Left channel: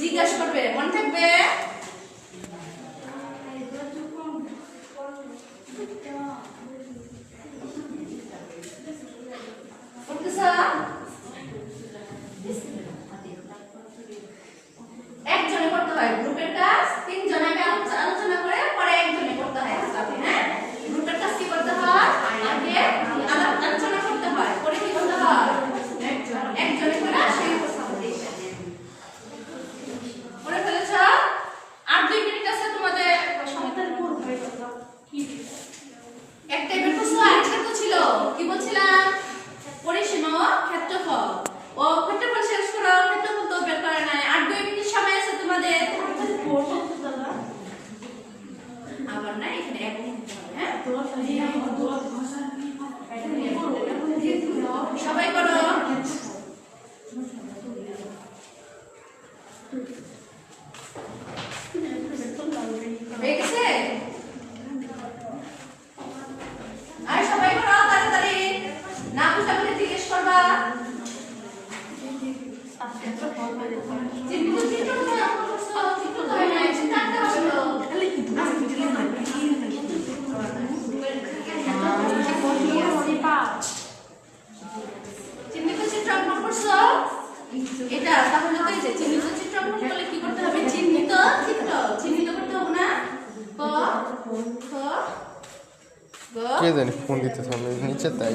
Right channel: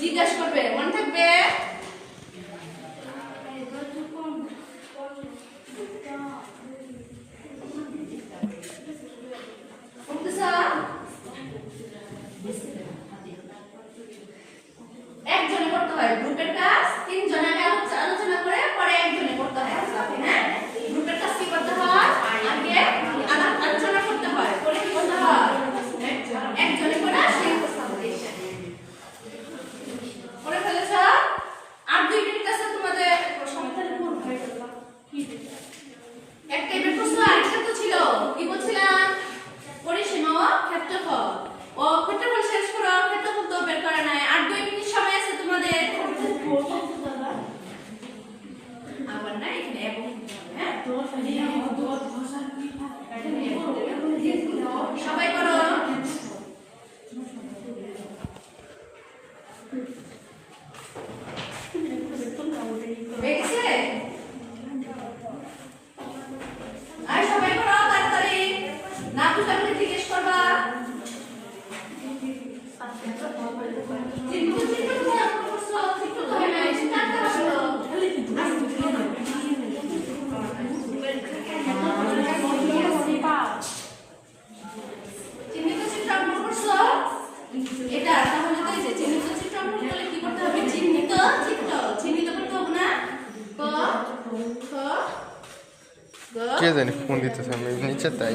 জিজ্ঞাসা করবে, মনে থাকবে? একজনে করতে হয় গ্রুপের কাজ, তিনজনে আগে আলোচনা করে পরে একজনে করতে হয়। হ্যাঁ, গ্রুপের কাজ কি করতে হয়? আগে আলোচনা করতে হয়, পরে কি করতে হয়? একজনে করে সেই করে ফেলেছ। আর 2 মিনিট আছে তোমাদের। একটা টাইপের প্রশ্ন আরেকটা তো ছিল, কি বলছিলাম? পরিসীমা ও ক্ষেত্রফল। ও ক্ষেত্রফল শেষ করো, ক্ষেত্রফল তো বের করা নাই। আর 2 মিনিট সময় আছে তোমাদের। আবার না এখানে এবং হ্যাঁ সবাই করো। হয়ে গেছে? আর সবাই করো তাড়াতাড়ি, না বুঝতে পারলে জিজ্ঞেস করবা। চিন্তা চিন্তা কোথায় আমার করছো? চিন্তা তো হয় নাই, চিন্তা আনতে হবে তো। চিহ্নিত চিত্র অঙ্কন করছো এটা, তাহলে তো এই যে চিহ্নিত চিত্র অঙ্কন করলে কি করতে হবে? চিহ্নিত চিত্র চিহ্নিত করতে হবে না? ক খ গ কে জানি ফোন দিতেছে আমি নিচে তাই